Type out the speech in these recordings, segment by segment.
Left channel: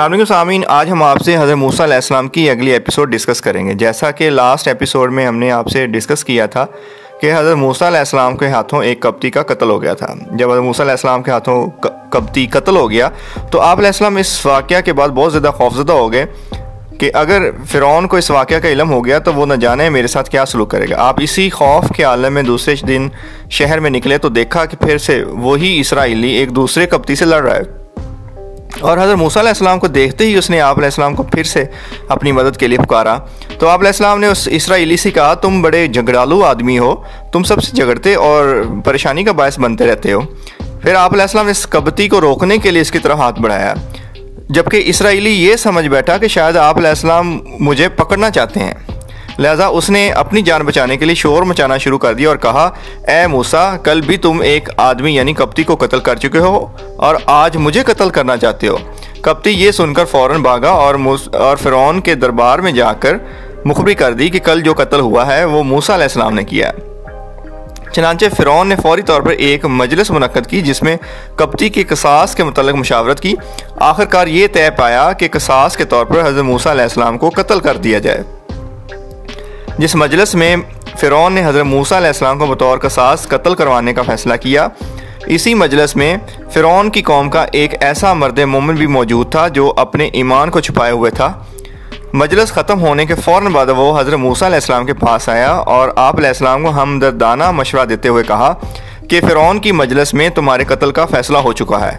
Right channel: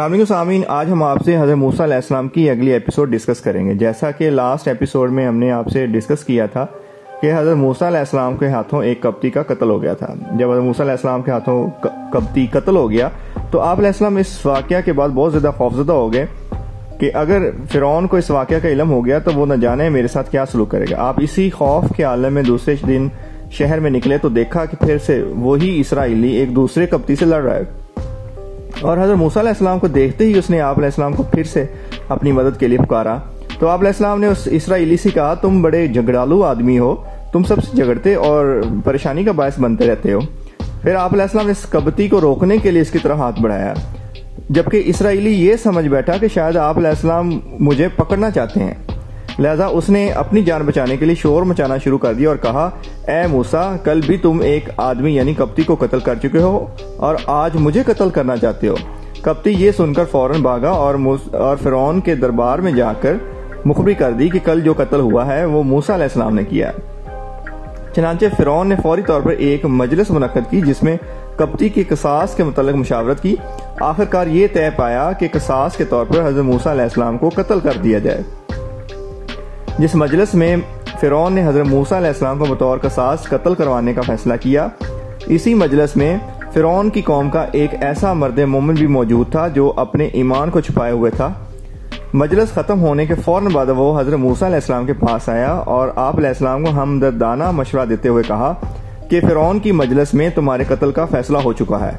السلام علیکم سامعین، آج ہم آپ سے حضرت موسیٰ علیہ السلام کی اگلی ایپیسوڈ ڈسکس کریں گے۔ جیسا کہ لاسٹ ایپیسوڈ میں ہم نے آپ سے ڈسکس کیا تھا کہ حضرت موسیٰ علیہ السلام کے ہاتھوں ایک قبطی کا قتل ہو گیا تھا۔ جب حضرت موسیٰ علیہ السلام کے ہاتھوں قبطی قتل ہو گیا تو آپ علیہ السلام اس واقعہ کے بعد بہت زیادہ خوفزدہ ہو گئے کہ اگر فرعون کو اس واقعہ کا علم ہو گیا تو وہ نہ جانے میرے ساتھ کیا سلوک کرے گا۔ آپ اسی خوف کے عالم میں دوسرے دن شہر میں نکلے تو دیکھا کہ پھر سے وہی اسرائیلی ایک دوسرے قبطی سے لڑ رہا ہے، اور حضرت موسیٰ علیہ السلام کو دیکھتے ہی اس نے آپ علیہ السلام کو پھر سے اپنی مدد کے لیے پکارا۔ تو آپ علیہ السلام نے اس اسرائیلی سے کہا، تم بڑے جھگڑالو آدمی ہو، تم سب سے جھگڑتے اور پریشانی کا باعث بنتے رہتے ہو۔ پھر آپ علیہ السلام نے اس قبطی کو روکنے کے لیے اس کی طرف ہاتھ بڑھایا، جبکہ اسرائیلی یہ سمجھ بیٹھا کہ شاید آپ علیہ السلام مجھے پکڑنا چاہتے ہیں، لہٰذا اس نے اپنی جان بچانے کے لیے شور مچانا شروع کر دیا اور کہا، اے موسیٰ، کل بھی تم ایک آدمی یعنی قبطی کو قتل کر چکے ہو اور آج مجھے قتل کرنا چاہتے ہو۔ قبطی یہ سن کر فوراً بھاگا اور فرعون کے دربار میں جا کر مخبری کر دی کہ کل جو قتل ہوا ہے وہ موسیٰ علیہ السلام نے کیا ہے۔ چنانچہ فرعون نے فوری طور پر ایک مجلس منعقد کی جس میں قبطی کے قصاص کے متعلق مشاورت کی۔ آخرکار یہ طے پایا کہ قصاص کے طور پر حضرت موسیٰ علیہ السلام کو قتل کر دیا جائے۔ جس مجلس میں فرعون نے حضرت موسیٰ علیہ السلام کو بطور قصاص قتل کروانے کا فیصلہ کیا، اسی مجلس میں فرعون کی قوم کا ایک ایسا مرد مومن بھی موجود تھا جو اپنے ایمان کو چھپائے ہوئے تھا۔ مجلس ختم ہونے کے فوراً بعد وہ حضرت موسیٰ علیہ السلام کے پاس آیا اور آپ علیہ السلام کو ہمدردانہ مشورہ دیتے ہوئے کہا کہ فرعون کی مجلس میں تمہارے قتل کا فیصلہ ہو چکا ہے،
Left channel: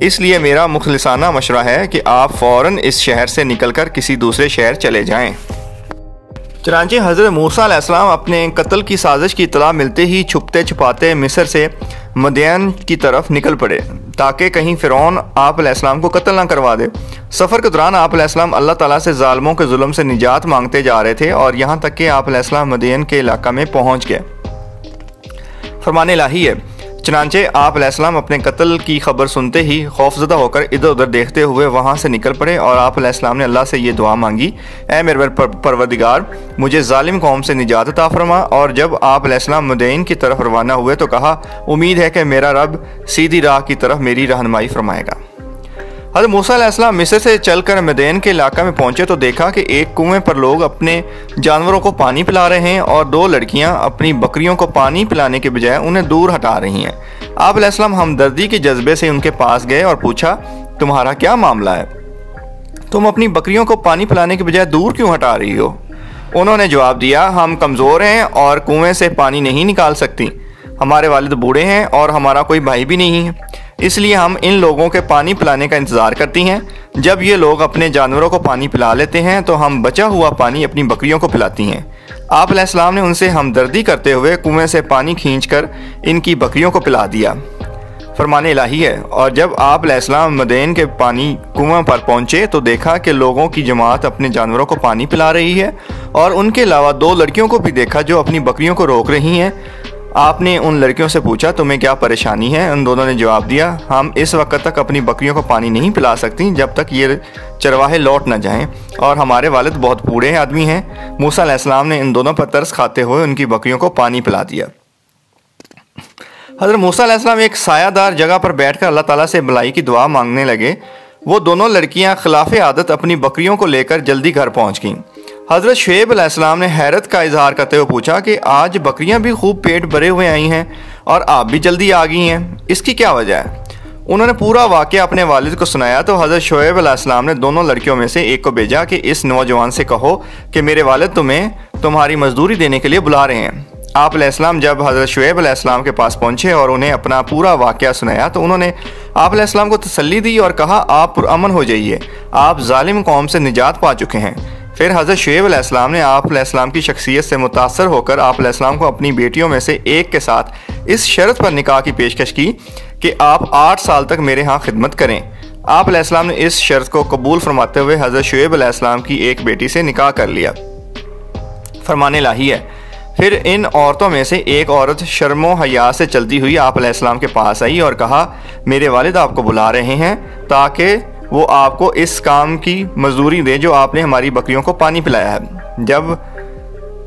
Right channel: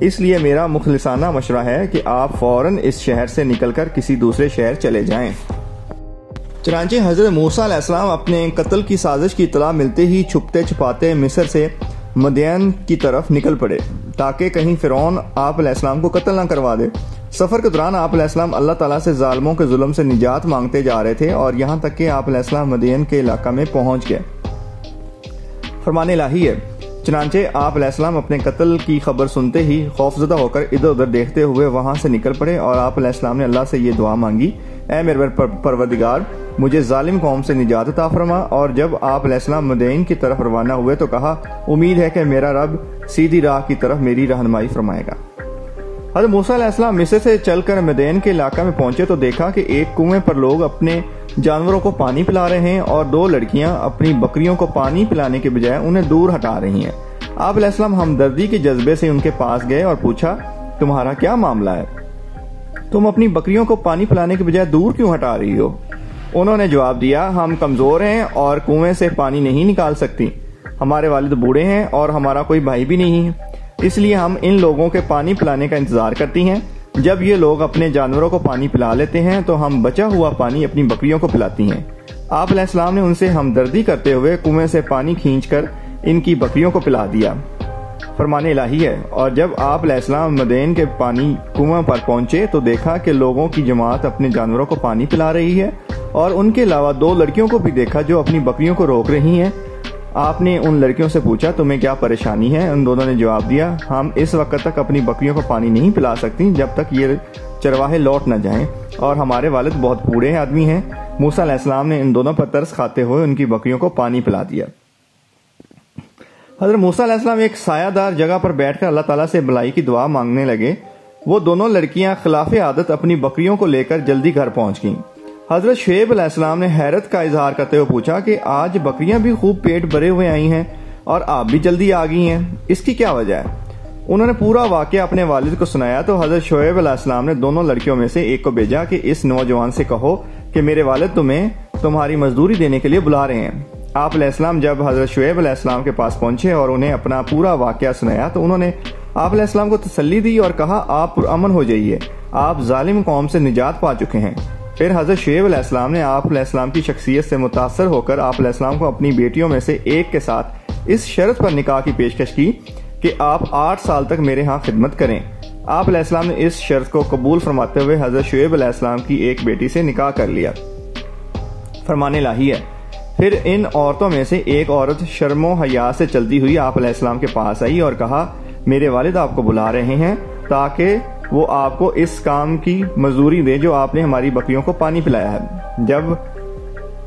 اس لیے میرا مخلصانہ مشورہ ہے کہ آپ فوراً اس شہر سے نکل کر کسی دوسرے شہر چلے جائیں۔ چنانچہ حضرت موسیٰ علیہ السلام اپنے قتل کی سازش کی اطلاع ملتے ہی چھپتے چھپاتے مصر سے مدین کی طرف نکل پڑے تاکہ کہیں فرعون آپ علیہ السلام کو قتل نہ کروا دے۔ سفر کے دوران آپ علیہ السلام اللہ تعالیٰ سے ظالموں کے ظلم سے نجات مانگتے جا رہے تھے اور یہاں تک کہ آپ علیہ السلام مدین کے علاقہ میں پہنچ گئے۔ فرمان الہی ہے، چنانچہ آپ علیہ السلام اپنے قتل کی خبر سنتے ہی خوفزدہ ہو کر ادھر ادھر دیکھتے ہوئے وہاں سے نکل پڑے اور آپ علیہ السلام نے اللہ سے یہ دعا مانگی، اے میرے پروردگار، مجھے ظالم قوم سے نجات عطا فرما۔ اور جب آپ علیہ السلام مدین کی طرف روانہ ہوئے تو کہا، امید ہے کہ میرا رب سیدھی راہ کی طرف میری رہنمائی فرمائے گا۔ حضرت موسیٰ علیہ السلام مصر سے چل کر مدین کے علاقہ میں پہنچے تو دیکھا کہ ایک کنویں پر لوگ اپنے جانوروں کو پانی پلا رہے ہیں اور دو لڑکیاں اپنی بکریوں کو پانی پلانے کے بجائے انہیں دور ہٹا رہی ہیں۔ آپ علیہ السلام ہمدردی کے جذبے سے ان کے پاس گئے اور پوچھا، تمہارا کیا معاملہ ہے؟ تم اپنی بکریوں کو پانی پلانے کے بجائے دور کیوں ہٹا رہی ہو؟ انہوں نے جواب دیا، ہم کمزور ہیں اور کنویں سے پانی نہیں نکال سکتی، ہمارے والد بوڑھے ہیں اور ہمارا کوئی بھائی بھی نہیں ہے، اس لیے ہم ان لوگوں کے پانی پلانے کا انتظار کرتی ہیں۔ جب یہ لوگ اپنے جانوروں کو پانی پلا لیتے ہیں تو ہم بچا ہوا پانی اپنی بکریوں کو پلاتی ہیں۔ آپ علیہ السلام نے ان سے ہمدردی کرتے ہوئے کنویں سے پانی کھینچ کر ان کی بکریوں کو پلا دیا۔ فرمان الہی ہے، اور جب آپ علیہ السلام مدین کے پانی کنویں پر پہنچے تو دیکھا کہ لوگوں کی جماعت اپنے جانوروں کو پانی پلا رہی ہے اور ان کے علاوہ دو لڑکیوں کو بھی دیکھا جو اپنی بکریوں کو روک رہی ہیں۔ آپ نے ان لڑکیوں سے پوچھا، تمہیں کیا پریشانی ہے؟ ان دونوں نے جواب دیا، ہم اس وقت تک اپنی بکریوں کو پانی نہیں پلا سکتی جب تک یہ چرواہے لوٹ نہ جائیں، اور ہمارے والد بہت بوڑھے آدمی ہیں۔ موسیٰ علیہ السلام نے ان دونوں پر ترس کھاتے ہوئے ان کی بکریوں کو پانی پلا دیا۔ حضرت موسیٰ علیہ السلام ایک سایہ دار جگہ پر بیٹھ کر اللہ تعالیٰ سے بھلائی کی دعا مانگنے لگے۔ وہ دونوں لڑکیاں خلاف عادت اپنی بکریوں کو لے کر جلدی گھر پہنچ گئیں۔ حضرت شعیب علیہ السلام نے حیرت کا اظہار کرتے ہوئے پوچھا کہ آج بکریاں بھی خوب پیٹ بھرے ہوئے آئی ہیں اور آپ بھی جلدی آ گئی ہیں، اس کی کیا وجہ ہے؟ انہوں نے پورا واقعہ اپنے والد کو سنایا تو حضرت شعیب علیہ السلام نے دونوں لڑکیوں میں سے ایک کو بھیجا کہ اس نوجوان سے کہو کہ میرے والد تمہیں تمہاری مزدوری دینے کے لیے بلا رہے ہیں۔ آپ علیہ السلام جب حضرت شعیب علیہ السلام کے پاس پہنچے اور انہیں اپنا پورا واقعہ سنایا تو انہوں نے آپ علیہ السلام کو تسلی دی اور کہا، آپ پرامن ہو جائیے، آپ ظالم قوم سے نجات پا چکے ہیں۔ پھر حضرت شعیب علیہ السلام نے آپ علیہ السلام کی شخصیت سے متاثر ہو کر آپ علیہ السلام کو اپنی بیٹیوں میں سے ایک کے ساتھ اس شرط پر نکاح کی پیشکش کی کہ آپ 8 سال تک میرے ہاں خدمت کریں۔ آپ علیہ السلام نے اس شرط کو قبول فرماتے ہوئے حضرت شعیب علیہ السلام کی ایک بیٹی سے نکاح کر لیا۔ فرمان الہی ہے، پھر ان عورتوں میں سے ایک عورت شرم و حیا سے چلتی ہوئی آپ علیہ السلام کے پاس آئی اور کہا، میرے والد آپ کو بلا رہے ہیں تاکہ وہ آپ کو اس کام کی مزدوری دے جو آپ نے ہماری بکریوں کو پانی پلایا ہے۔ جب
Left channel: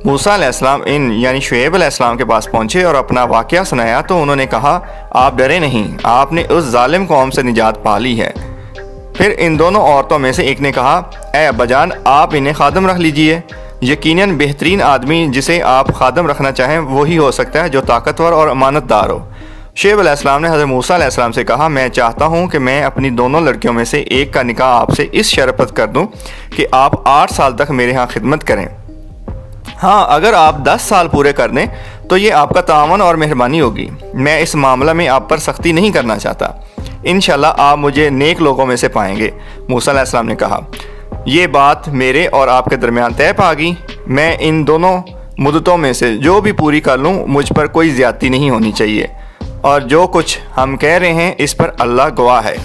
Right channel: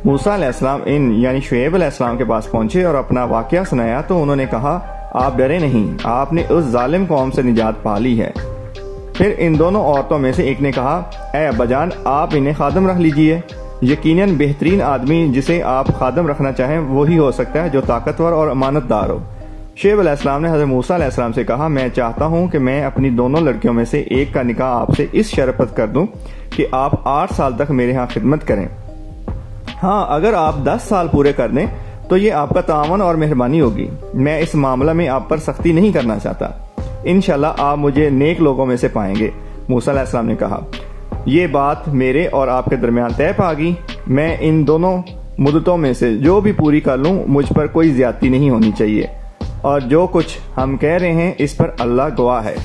موسیٰ علیہ السلام یعنی شعیب علیہ السلام کے پاس پہنچے اور اپنا واقعہ سنایا تو انہوں نے کہا، آپ ڈرے نہیں، آپ نے اس ظالم قوم سے نجات پا لی ہے۔ پھر ان دونوں عورتوں میں سے ایک نے کہا اے ابا جان آپ انہیں خادم رکھ لیجئے، یقیناً بہترین آدمی جسے آپ خادم رکھنا چاہیں وہی ہو سکتا ہے جو طاقتور اور امانت دار ہو۔ شعیب علیہ السلام نے حضرت موسیٰ علیہ السلام سے کہا میں چاہتا ہوں کہ میں اپنی دونوں لڑکیوں میں سے ایک کا نکاح آپ سے اس شرط پر کر دوں کہ آپ 8 سال تک میرے ہاں خدمت کریں، ہاں اگر آپ 10 سال پورے کر دیں تو یہ آپ کا تعاون اور مہربانی ہوگی، میں اس معاملہ میں آپ پر سختی نہیں کرنا چاہتا، انشاءاللہ آپ مجھے نیک لوگوں میں سے پائیں گے۔ موسیٰ علیہ السلام نے کہا یہ بات میرے اور آپ کے درمیان طے پا گئی، میں ان دونوں مدتوں میں سے جو بھی پوری کر لوں مجھ پر کوئی زیادتی نہیں ہونی چاہیے، اور جو کچھ ہم کہہ رہے ہیں اس پر اللہ گواہ ہے۔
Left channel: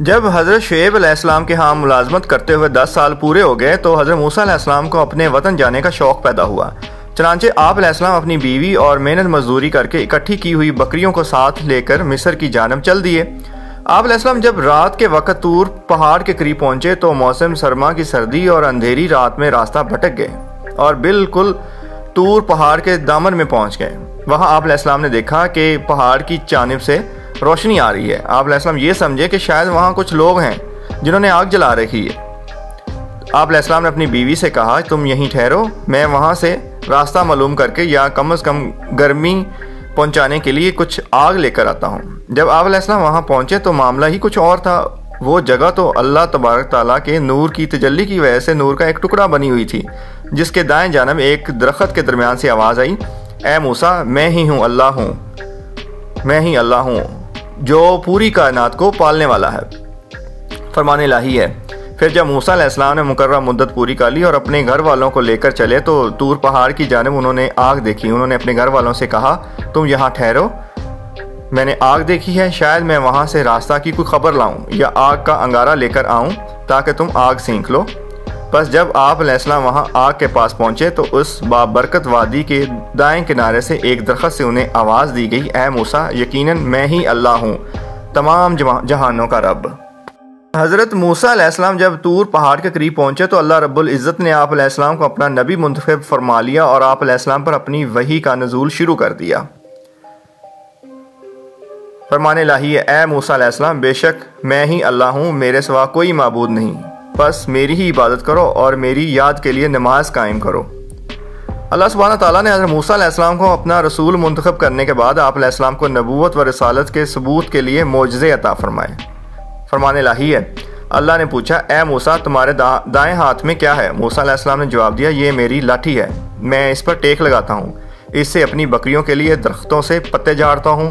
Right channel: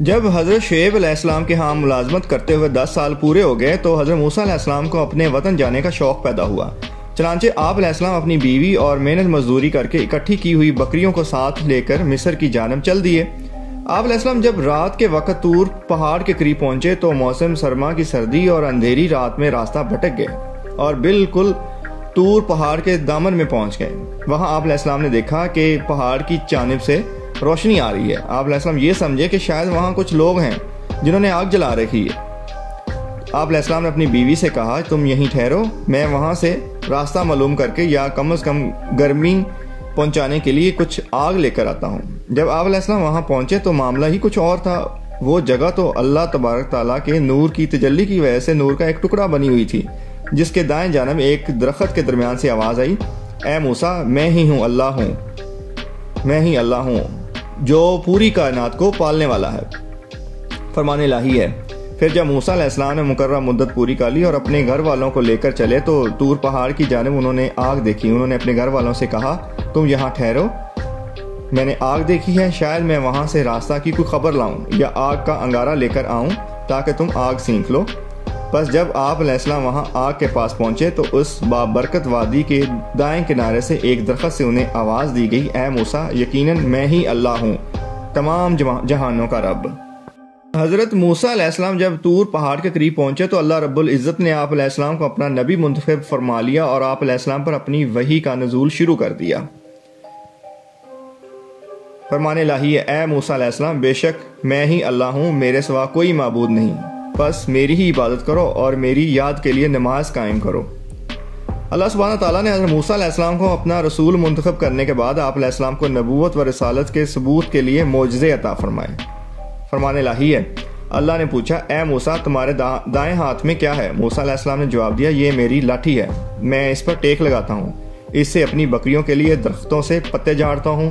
جب حضرت شعیب علیہ السلام کے ہاں ملازمت کرتے ہوئے 10 سال پورے ہو گئے تو حضرت موسیٰ علیہ السلام کو اپنے وطن جانے کا شوق پیدا ہوا، چنانچہ آپ علیہ السلام اپنی بیوی اور محنت مزدوری کر کے اکٹھی کی ہوئی بکریوں کو ساتھ لے کر مصر کی جانب چل دیے۔ آپ علیہ السلام جب رات کے وقت طور پہاڑ کے قریب پہنچے تو موسم سرما کی سردی اور اندھیری رات میں راستہ بھٹک گئے اور بالکل طور پہاڑ کے دامن میں پہنچ گئے۔ وہاں آپ علیہ السلام نے دیکھا کہ پہاڑ کی جانب سے روشنی آ رہی ہے۔ آپ علیہ السلام یہ سمجھے کہ شاید وہاں کچھ لوگ ہیں جنہوں نے آگ جلا رکھی ہے۔ آپ علیہ السلام نے اپنی بیوی سے کہا تم یہیں ٹھہرو، میں وہاں سے راستہ معلوم کر کے یا کم از کم گرمی پہنچانے کے لیے کچھ آگ لے کر آتا ہوں۔ جب آپ علیہ السلام وہاں پہنچے تو معاملہ ہی کچھ اور تھا، وہ جگہ تو اللہ تبارک تعالیٰ کے نور کی تجلی کی وجہ سے نور کا ایک ٹکڑا بنی ہوئی تھی، جس کے دائیں جانب ایک درخت کے درمیان سے آواز آئی اے موسیٰ میں ہی اللہ ہوں جو پوری کائنات کو پالنے والا ہے، فرمان الہی ہے۔ پھر جب موسیٰ علیہ السلام نے مقررہ مدت پوری کر لی اور اپنے گھر والوں کو لے کر چلے تو طور پہاڑ کی جانب انہوں نے آگ دیکھی۔ انہوں نے اپنے گھر والوں سے کہا تم یہاں ٹھہرو، میں نے آگ دیکھی ہے، شاید میں وہاں سے راستہ کی کوئی خبر لاؤں یا آگ کا انگارہ لے کر آؤں تاکہ تم آگ سینک لو۔ بس جب آپ علیہ السلام وہاں آگ کے پاس پہنچے تو اس بابرکت وادی کے دائیں کنارے سے ایک درخت سے انہیں آواز دی گئی اے موسیٰ یقیناً میں ہی اللہ ہوں تمام جہانوں کا رب۔ حضرت موسیٰ علیہ السلام جب طور پہاڑ کے قریب پہنچے تو اللہ رب العزت نے آپ علیہ السلام کو اپنا نبی منتخب فرما لیا اور آپ علیہ السلام پر اپنی وحی کا نزول شروع کر دیا۔ فرمان الہی ہے اے موسیٰ علیہ السلام بے شک میں ہی اللہ ہوں، میرے سوا کوئی معبود نہیں، بس میری ہی عبادت کرو اور میری یاد کے لیے نماز قائم کرو۔ اللہ سبحانہ تعالیٰ نے حضرت موسیٰ علیہ السلام کو اپنا رسول منتخب کرنے کے بعد آپ علیہ السلام کو نبوت و رسالت کے ثبوت کے لیے معجزے عطا فرمائے۔ فرمان الہی ہے اللہ نے پوچھا اے موسیٰ تمہارے دائیں ہاتھ میں کیا ہے؟ موسیٰ علیہ السلام نے جواب دیا یہ میری لاٹھی ہے، میں اس پر ٹیک لگاتا ہوں، اس سے اپنی بکریوں کے لیے درختوں سے پتے جھاڑتا ہوں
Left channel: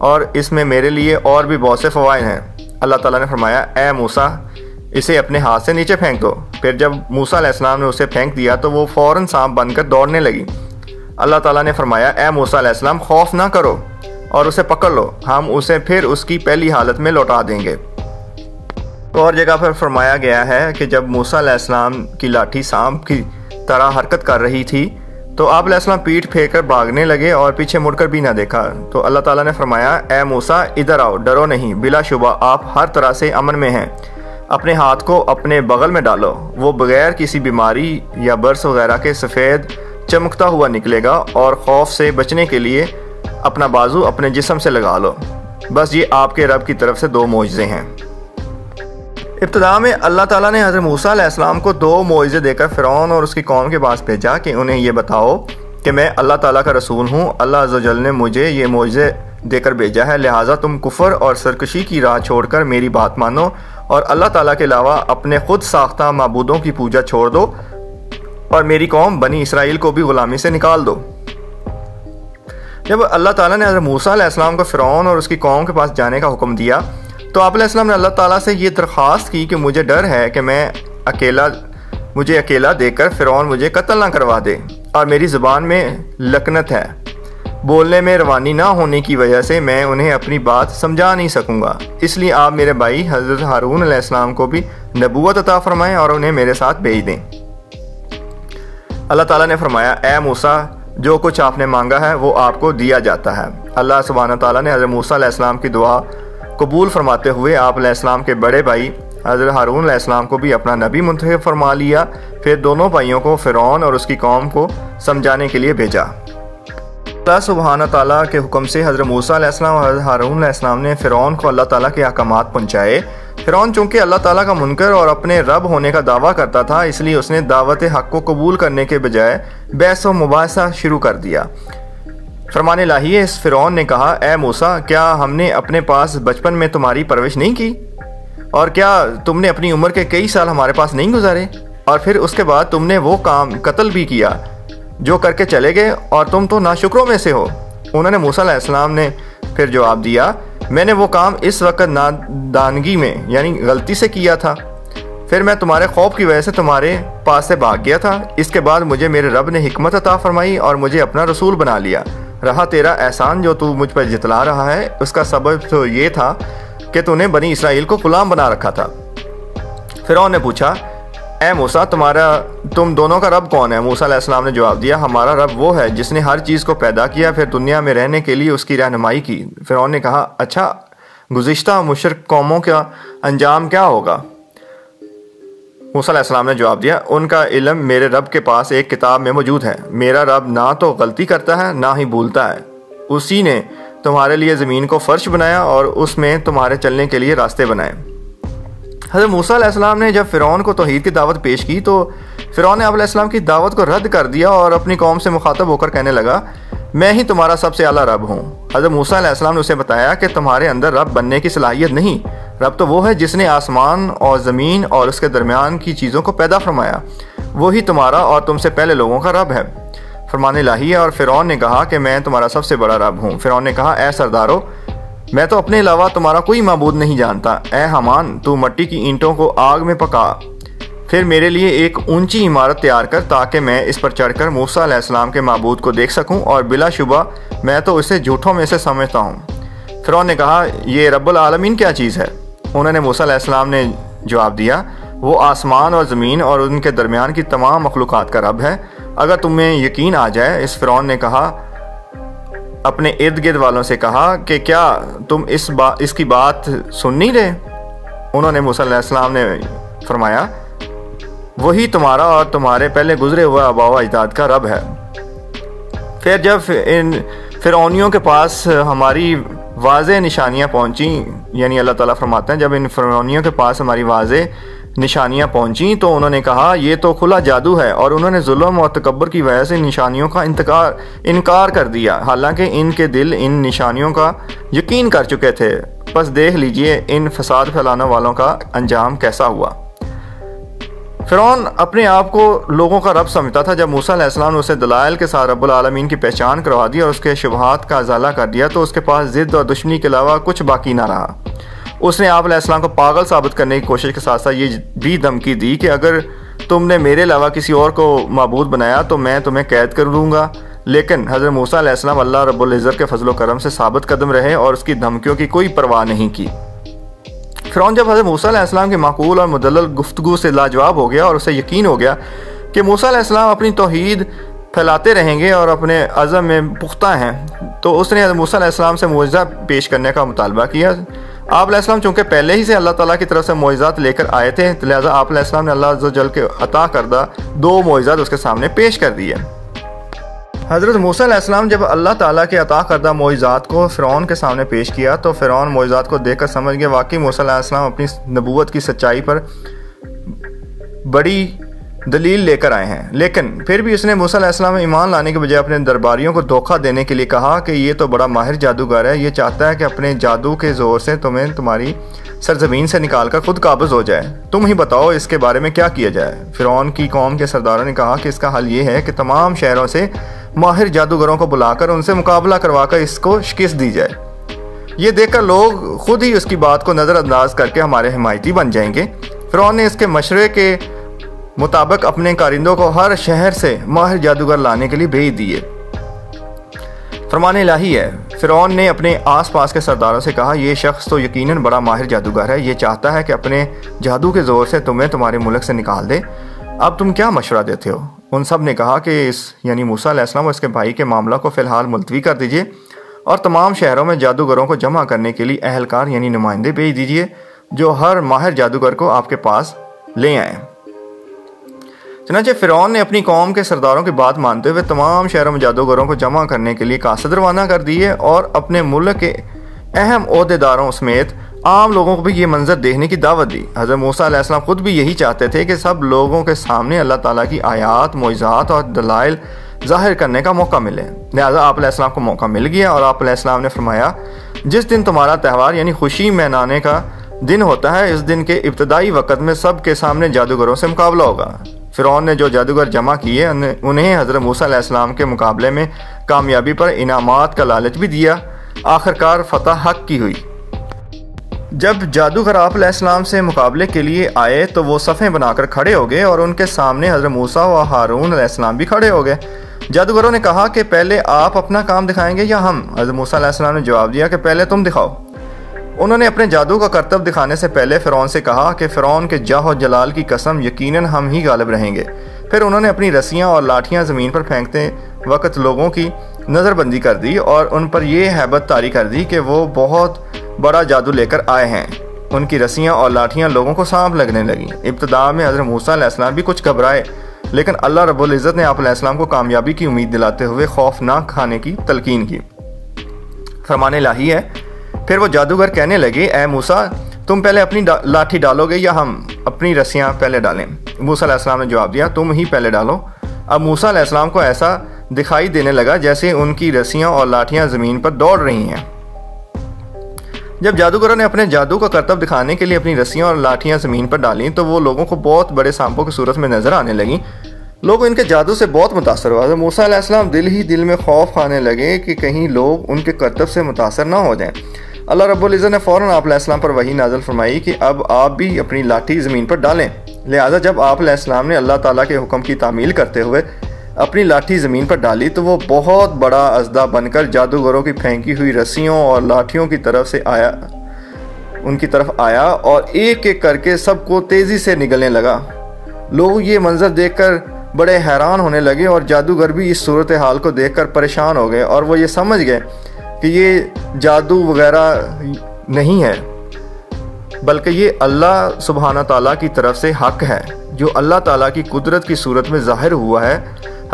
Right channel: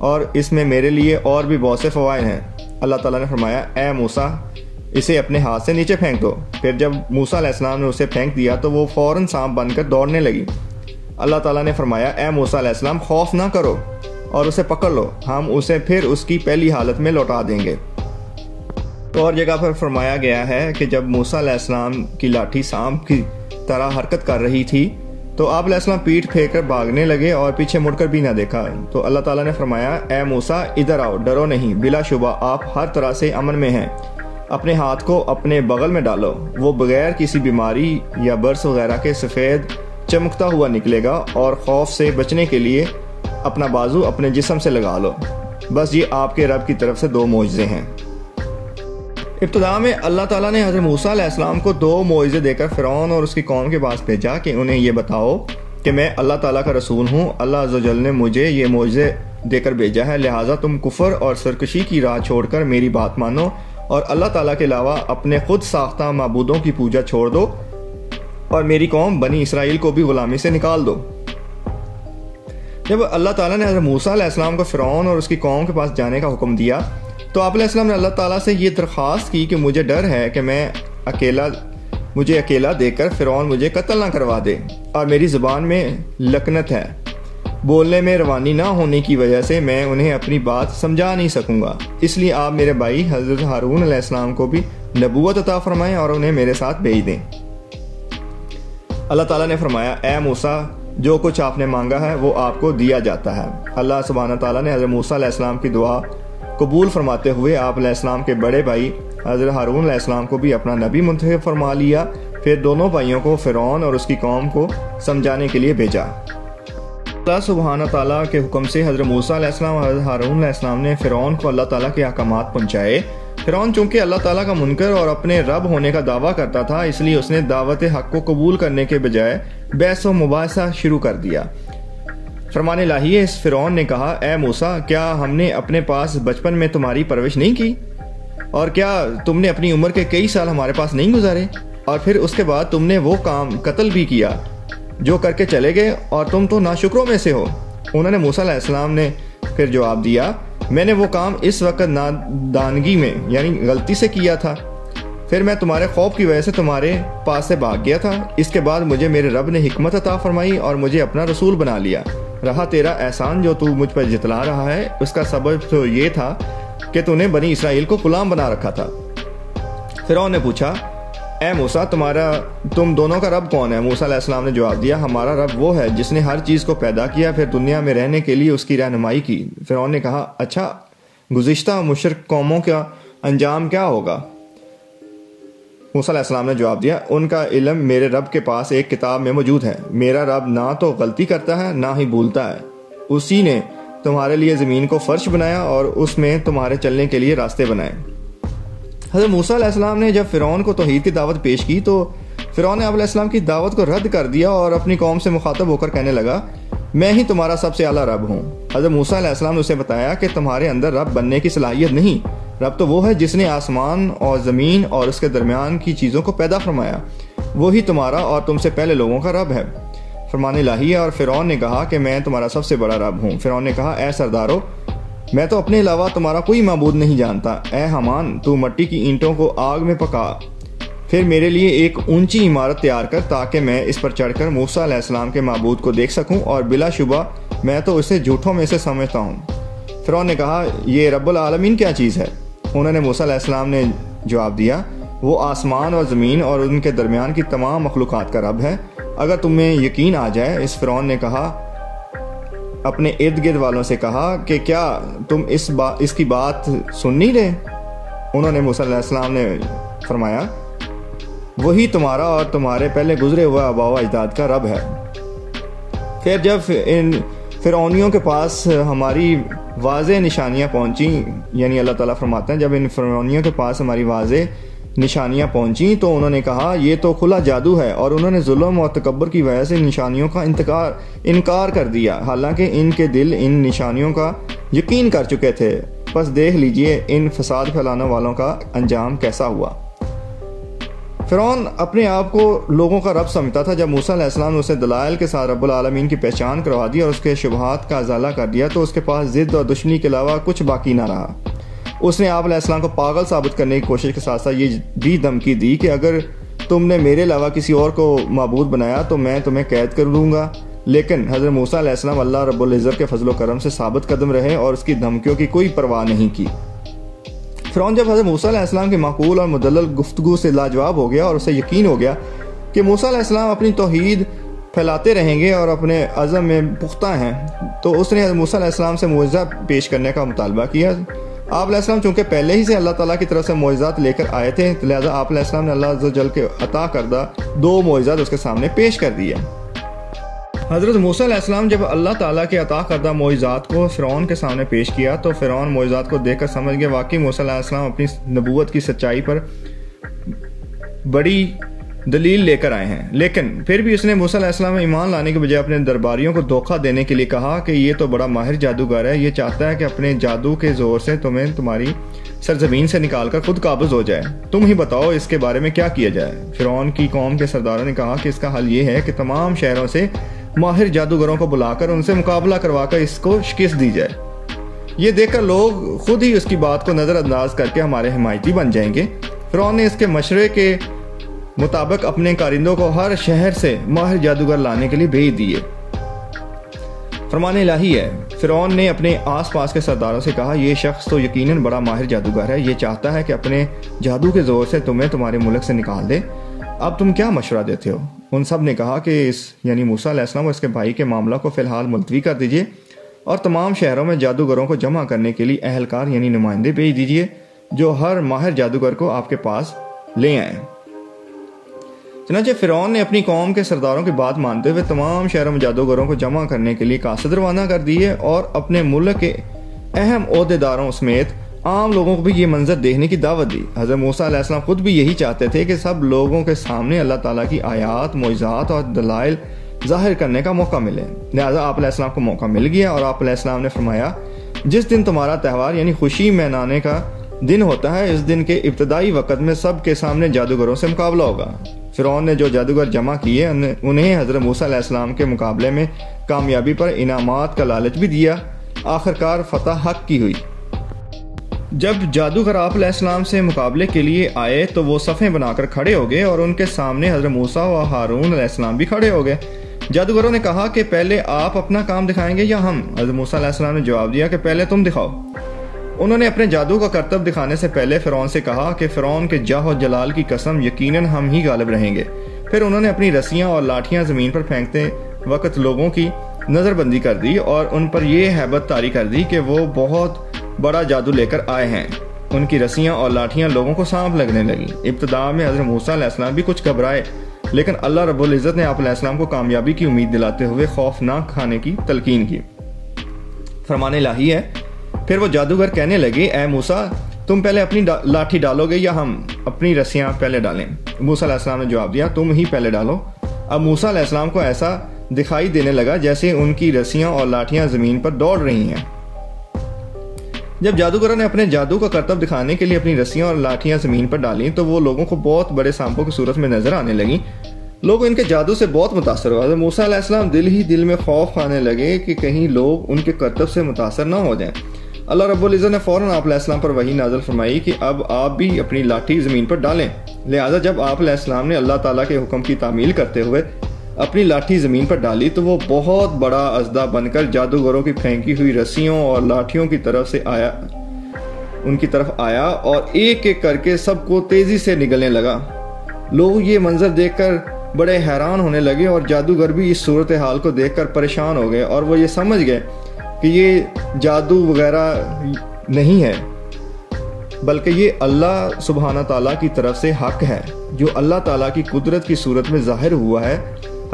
اور اس میں میرے لیے اور بھی بہت سے فوائد ہیں۔ اللہ تعالیٰ نے فرمایا اے موسیٰ اسے اپنے ہاتھ سے نیچے پھینک دو۔ پھر جب موسیٰ علیہ السلام نے اسے پھینک دیا تو وہ فوراً سانپ بن کر دوڑنے لگی۔ اللہ تعالیٰ نے فرمایا اے موسیٰ علیہ السلام خوف نہ کرو اور اسے پکڑ لو، ہم اسے پھر اس کی پہلی حالت میں لوٹا دیں گے۔ اور جگہ پر فرمایا گیا ہے کہ جب موسیٰ علیہ السلام کی لاٹھی سانپ کی طرح حرکت کر رہی تھی تو آپ علیہ السلام پیٹ پھیر کر بھاگنے لگے اور پیچھے مڑ کر بھی نہ دیکھا۔ تو اللہ تعالیٰ نے فرمایا اے موسیٰ ادھر آؤ، ڈرو نہیں، بلا شبہ آپ ہر طرح سے امن میں ہیں، اپنے ہاتھ کو اپنے بغل میں ڈالو، وہ بغیر کسی بیماری یا برس وغیرہ کے سفید چمکتا ہوا نکلے گا، اور خوف سے بچنے کے لیے اپنا بازو اپنے جسم سے لگا لو، بس یہ آپ کے رب کی طرف سے 2 معجزے ہیں۔ ابتدا میں اللہ تعالیٰ نے حضرت موسیٰ علیہ السلام کو 2 معجزے دے کر فرعون اور اس کی قوم کے پاس بھیجا کہ انہیں یہ بتاؤ کہ میں اللہ تعالیٰ کا رسول ہوں، اللہ عز و جل نے مجھے یہ معجزے دے کر بھیجا ہے، لہٰذا تم کفر اور سرکشی کی راہ چھوڑ کر میری بات مانو اور اللہ تعالیٰ کے علاوہ اپنے خود ساختہ معبودوں کی پوجا چھوڑ دو اور میری قوم بنی اسرائیل کو بھی غلامی سے نکال دو۔ جب اللہ تعالیٰ نے حضرت موسیٰ علیہ السلام کو فرعون اور اس کی قوم کے پاس جانے کا حکم دیا تو آپ علیہ السلام نے اللہ تعالیٰ سے یہ درخواست کی کہ مجھے ڈر ہے کہ مجھے اکیلا دیکھ کر فرعون مجھے قتل نہ کروا دے، اور میری زبان میں لکنت ہے، بولنے میں روانی نہ ہونے کی وجہ سے میں انہیں اپنی بات سمجھا نہیں سکوں گا، اس لیے آپ میرے بھائی حضرت ہارون علیہ السلام کو بھی نبوت عطا فرمائیں اور انہیں میرے ساتھ بھیج دیں۔ اللہ تعالیٰ نے فرمایا اے موسیٰ جو کچھ آپ نے مانگا ہے وہ آپ کو دیا جاتا ہے۔ اللہ سبحانہ تعالیٰ نے حضرت موسیٰ علیہ السلام کی دعا قبول فرماتے ہوئے آپ علیہ السلام کے بڑے بھائی حضرت ہارون علیہ السلام کو بھی اپنا نبی منتخب فرما لیا، پھر دونوں بھائیوں کو فرعون اور اس کی قوم کو سمجھانے کے لیے بھیجا۔ اللہ سبحانہ تعالیٰ کے حکم سے حضرت موسیٰ علیہ السلام اور حضرت ہارون علیہ السلام نے فرعون کو اللہ تعالیٰ کے احکامات پہنچائے فرعون چونکہ اللہ تعالیٰ کا منکر اور اپنے رب ہونے کا دعویٰ کرتا تھا، اس لیے اس نے دعوت حق کو قبول کرنے کے بجائے بحث و مباحثہ شروع کر دیا۔ فرمان الہی ہے، اس فرعون نے کہا، اے موسیٰ، کیا ہم نے اپنے پاس بچپن میں تمہاری پرورش نہیں کی؟ اور کیا تم نے اپنی عمر کے کئی سال ہمارے پاس نہیں گزارے؟ اور پھر اس کے بعد تم نے وہ کام قتل بھی کیا جو کر کے چلے گئے، اور تم تو ناشکروں میں سے ہو۔ انہوں نے موسیٰ علیہ السلام نے پھر جواب دیا، میں نے وہ کام اس وقت نادانگی میں یعنی غلطی سے کیا تھا، پھر میں تمہارے خوف کی وجہ سے تمہارے پاس سے بھاگ گیا تھا۔ اس کے بعد مجھے میرے رب نے حکمت عطا فرمائی اور مجھے اپنا رسول بنا لیا۔ رہا تیرا احسان جو تو مجھ پر جتلا رہا ہے، اس کا سبب تو یہ تھا کہ تو نے بنی اسرائیل کو غلام بنا رکھا تھا۔ فرعون نے پوچھا، اے موسیٰ، تم دونوں کا رب کون ہے؟ موسیٰ علیہ السلام نے جواب دیا، ہمارا رب وہ ہے جس نے ہر چیز کو پیدا کیا، پھر دنیا میں رہنے کے لیے اس کی رہنمائی کی۔ فرعون نے کہا، اچھا، گزشتہ مشرک قوموں کا انجام کیا ہوگا؟ موسیٰ علیہ السلام نے جواب دیا، ان کا علم میرے رب کے پاس ایک کتاب میں موجود ہے۔ میرا رب نہ تو غلطی کرتا ہے نہ ہی بھولتا ہے۔ اسی نے تمہارے لیے زمین کو فرش بنایا اور اس میں تمہارے چلنے کے لیے راستے بنائے۔ حضرت موسیٰ علیہ السلام نے جب فرعون کو توحید کی دعوت پیش کی تو فرعون نے آپ علیہ السلام کی دعوت کو رد کر دیا اور اپنی قوم سے مخاطب ہو کر کہنے لگا، میں ہی تمہارا سب سے اعلیٰ رب ہوں۔ حضرت موسیٰ علیہ السلام نے اسے بتایا کہ تمہارے اندر رب بننے کی صلاحیت نہیں، رب تو وہ ہے جس نے آسمان اور زمین اور اس کے درمیان کی چیزوں کو پیدا فرمایا، وہی تمہارا اور تم سے پہلے لوگوں کا رب ہے۔ فرمان الہی ہے، اور فرعون نے کہا کہ میں تمہارا سب سے بڑا رب ہوں۔ فرعون نے کہا، اے سردارو، میں تو اپنے علاوہ تمہارا کوئی معبود نہیں جانتا۔ اے حامان، تو مٹی کی اینٹوں کو آگ میں پکا، پھر میرے لیے ایک اونچی عمارت تیار کر تاکہ میں اس پر چڑھ کر موسیٰ علیہ السلام کے معبود کو دیکھ سکوں، اور بلا شبہ میں تو اسے جھوٹوں میں سے سمجھتا ہوں۔ فرعون نے کہا، یہ رب العالمین کیا چیز ہے؟ انہوں نے موسیٰ علیہ السلام نے جواب دیا، وہ آسمان اور زمین اور ان کے درمیان کی تمام مخلوقات کا رب ہے، اگر تمہیں یقین آ جائے۔ اس فرعون نے کہا، اپنے ارد گرد والوں سے کہا کہ کیا تم اس کی بات سن نہیں رہے؟ انہوں نے موسیٰ علیہ السلام نے فرمایا، وہی تمہارا اور تمہارے پہلے گزرے ہوئے آباء و اجداد کا رب ہے۔ پھر جب ان فرعونیوں کے پاس ہماری واضح نشانیاں پہنچیں، یعنی اللہ تعالیٰ فرماتے ہیں جب ان فرعونیوں کے پاس ہماری واضح نشانیاں پہنچیں تو انہوں نے کہا یہ تو کھلا جادو ہے، اور انہوں نے ظلم اور تکبر کی وجہ سے نشانیوں کا انکار کر دیا، حالانکہ ان کے دل ان نشانیوں کا یقین کر چکے تھے۔ بس دیکھ لیجئے ان فساد پھیلانے والوں کا انجام کیسا ہوا۔ فرعون اپنے آپ کو لوگوں کا رب سمجھتا تھا۔ جب موسیٰ علیہ السلام نے اسے دلائل کے ساتھ رب العالمین کی پہچان کروا دی اور اس کے شبہات کا ازالہ کر دیا تو اس کے پاس ضد اور دشمنی کے علاوہ کچھ باقی نہ رہا۔ اس نے آپ علیہ السلام کو پاگل ثابت کرنے کی کوشش کے ساتھ ساتھ یہ بھی دھمکی دی کہ اگر تم نے میرے علاوہ کسی اور کو معبود بنایا تو میں تمہیں قید کر لوں گا۔ لیکن حضرت موسیٰ علیہ السلام اللہ رب العزت کے فضل و کرم سے ثابت قدم رہے اور اس کی دھمکیوں کی کوئی پرواہ نہیں کی۔ فرعون جب حضرت موسیٰ علیہ السلام کی معقول اور مدلل گفتگو سے لاجواب ہو گیا اور اسے یقین ہو گیا کہ موسیٰ علیہ السلام اپنی توحید پھیلاتے رہیں گے اور اپنے عزم میں پختہ ہیں، تو اس نے حضرت موسیٰ علیہ السلام سے معجزہ پیش کرنے کا مطالبہ کیا۔ آپ علیہ السلام چونکہ پہلے ہی سے اللہ تعالیٰ کی طرف سے معجزات لے کر آئے تھے، لہٰذا آپ علیہ السلام نے اللہ عز و جل کے عطا کردہ 2 معجزات اس کے سامنے پیش کر دیے۔ حضرت موسیٰ علیہ السلام جب اللہ تعالیٰ کے عطا کردہ معجزات کو فرعون کے سامنے پیش کیا تو فرعون معجزات کو دیکھ کر سمجھ گیا واقعی موسیٰ علیہ السلام اپنی نبوت کی سچائی پر بڑی دلیل لے کر آئے ہیں، لیکن پھر بھی اس نے موسیٰ علیہ السلام میں ایمان لانے کے بجائے اپنے درباریوں کو دھوکہ دینے کے لیے کہا کہ یہ تو بڑا ماہر جادوگر ہے، یہ چاہتا ہے کہ اپنے جادو کے زور سے تمہیں تمہاری سرزمین سے نکال کر خود قابض ہو جائے، تم ہی بتاؤ اس کے بارے میں کیا کیا جائے۔ فرعون کی قوم کے سرداروں نے کہا کہ اس کا حل یہ ہے کہ تمام شہروں سے ماہر جادوگروں کو بلا کر ان سے مقابلہ کروا کر اس کو شکست دی جائے، یہ دیکھ کر لوگ خود ہی اس کی بات کو نظر انداز کر کے ہمارے حمایتی بن جائیں گے۔ فرعون نے اس کے مشورے کے مطابق اپنے کارندوں کو ہر شہر سے ماہر جادوگر لانے کے لیے بھیج دیے۔ فرمان الہی ہے، فرعون نے اپنے آس پاس کے سرداروں سے کہا یہ شخص تو یقیناً بڑا ماہر جادوگر ہے، یہ چاہتا ہے کہ اپنے جادو کے زور سے تمہیں تمہارے ملک سے نکال دے، اب تم کیا مشورہ دیتے ہو؟ ان سب نے کہا کہ یعنی موسیٰ علیہ السلام اور اس کے بھائی کے معاملہ کو فی الحال ملتوی کر دیجئے اور تمام شہروں میں جادوگروں کو جمع کرنے کے لیے اہلکار یعنی نمائندے بھیج دیجئے جو ہر ماہر جادوگر کو آپ کے پاس لے آئیں۔ چنانچہ فرعون نے اپنی قوم کے سرداروں کی بات مانتے ہوئے تمام شہروں میں جادوگروں کو جمع کرنے کے لیے قاصد روانہ کر دیے اور اپنے ملک کے اہم عہدیداروں سمیت عام لوگوں کو بھی یہ منظر دیکھنے کی دعوت دی۔ حضرت موسیٰ علیہ السلام خود بھی یہی چاہتے تھے کہ سب لوگوں کے سامنے اللہ تعالیٰ کی آیات، معجزات اور دلائل ظاہر کرنے کا موقع ملے۔ لہٰذا آپ علیہ السلام کو موقع مل گیا اور آپ علیہ السلام نے فرمایا، جس دن تمہارا تہوار یعنی خوشی منانے کا دن ہوتا ہے، اس دن کے ابتدائی وقت میں سب کے سامنے جادوگروں سے مقابلہ ہوگا۔ فرعون نے جو جادوگر جمع کیے انہیں حضرت موسیٰ علیہ السلام کے مقابلے میں کامیابی پر انعامات کا لالچ بھی دیا۔ آخرکار فتح حق کی ہوئی۔ جب جادوگر آپ علیہ السلام سے مقابلے کے لیے آئے تو وہ صفیں بنا کر کھڑے ہو گئے اور ان کے سامنے حضرت موسیٰ و ہارون علیہ السلام بھی کھڑے ہو گئے۔ جادوگروں نے کہا کہ پہلے آپ اپنا کام دکھائیں گے یا ہم؟ حضرت موسیٰ علیہ السلام نے جواب دیا کہ پہلے تم دکھاؤ۔ انہوں نے اپنے جادو کا کرتب دکھانے سے پہلے فرعون سے کہا کہ فرعون کے جاہ و جلال کی قسم، یقیناً ہم ہی غالب رہیں گے۔ پھر انہوں نے اپنی رسیاں اور لاٹھیاں زمین پر پھینکتے وقت لوگوں کی نظر بندی کر دی اور ان پر یہ ہیبت طاری کر دی کہ وہ بہت بڑا جادو لے کر آئے ہیں۔ ان کی رسیاں اور لاٹھیاں لوگوں کو سانپ لگنے لگیں۔ ابتدا میں حضرت موسیٰ علیہ السلام بھی کچھ گھبرائے، لیکن اللہ رب العزت نے آپ علیہ السلام کو کامیابی کی امید دلاتے ہوئے خوف نہ کھانے کی تلقین کی۔ فرمان الہی ہے، پھر وہ جادوگر کہنے لگے، اے موسیٰ، تم پہلے اپنی لاٹھی ڈالو گے یا ہم اپنی رسیاں پہلے ڈالیں؟ موسیٰ علیہ السلام نے جواب دیا، تم ہی پہلے ڈالو۔ اب موسیٰ علیہ السلام کو ایسا دکھائی دینے لگا جیسے ان کی رسیاں اور لاٹھیاں زمین پر دوڑ رہی ہیں۔ جب جادوگروں نے اپنے جادو کا کرتب دکھانے کے لیے اپنی رسیاں اور لاٹھیاں زمین پر ڈالیں تو وہ لوگوں کو بہت بڑے سانپوں کی صورت میں نظر آنے لگیں۔ لوگ ان کے جادو سے بہت متاثر ہوئے۔ حضرت موسیٰ علیہ السلام دل ہی دل میں خوف کھانے لگے کہ کہیں لوگ ان کے کرتب سے متاثر نہ ہو جائیں۔ اللہ رب العزت نے فوراً آپ علیہ السلام پر وحی نازل فرمائی کہ اب آپ بھی اپنی لاٹھی زمین پر ڈالیں۔ لہٰذا جب آپ علیہ السلام نے اللہ تعالیٰ کے حکم کی تعمیل کرتے ہوئے اپنی لاٹھی زمین پر ڈالی تو وہ بہت بڑا اژدہا بن کر جادوگروں کی پھینکی ہوئی رسیوں اور لاٹھیوں کی طرف آیا اور ایک ایک کر کے سب کو تیزی سے نگلنے لگا۔ لوگ یہ منظر دیکھ کر بڑے حیران ہونے لگے اور جادوگر بھی اس صورتحال کو دیکھ کر پریشان ہو گئے اور وہ یہ سمجھ گئے کہ یہ جادو وغیرہ نہیں ہے، بلکہ یہ اللہ سبحانہ تعالیٰ کی طرف سے حق ہے جو اللہ تعالیٰ کی قدرت کی صورت میں ظاہر ہوا ہے۔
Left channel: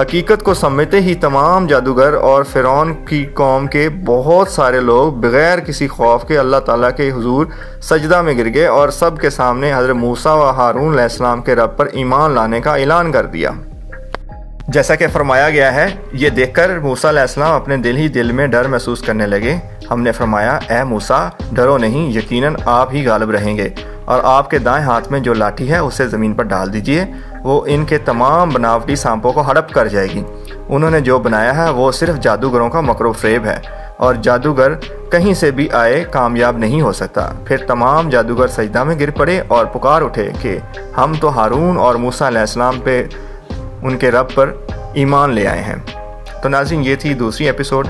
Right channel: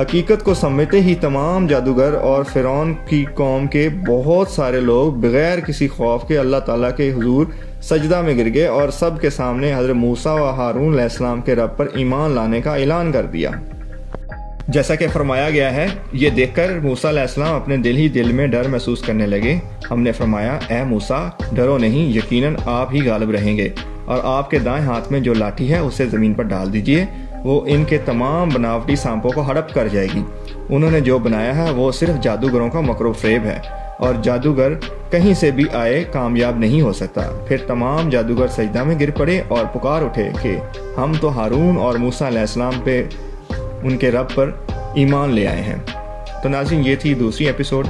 حقیقت کو سمجھتے ہی تمام جادوگر اور فرعون کی قوم کے بہت سارے لوگ بغیر کسی خوف کے اللہ تعالیٰ کے حضور سجدہ میں گر گئے اور سب کے سامنے حضرت موسیٰ و ہارون علیہ السلام کے رب پر ایمان لانے کا اعلان کر دیا۔ جیسا کہ فرمایا گیا ہے، یہ دیکھ کر موسیٰ علیہ السلام اپنے دل ہی دل میں ڈر محسوس کرنے لگے۔ ہم نے فرمایا، اے موسیٰ، ڈرو نہیں، یقیناً آپ ہی غالب رہیں گے، اور آپ کے دائیں ہاتھ میں جو لاٹھی ہے اسے زمین پر ڈال دیجئے، وہ ان کے تمام بناوٹی سانپوں کو ہڑپ کر جائے گی۔ انہوں نے جو بنایا ہے وہ صرف جادوگروں کا مکر و فریب ہے، اور جادوگر کہیں سے بھی آئے کامیاب نہیں ہو سکتا۔ پھر تمام جادوگر سجدہ میں گر پڑے اور پکار اٹھے کہ ہم تو ہارون اور موسیٰ علیہ السلام پہ ان کے رب پر ایمان لے آئے ہیں۔ تو ناظرین، یہ تھی دوسری ایپیسوڈ۔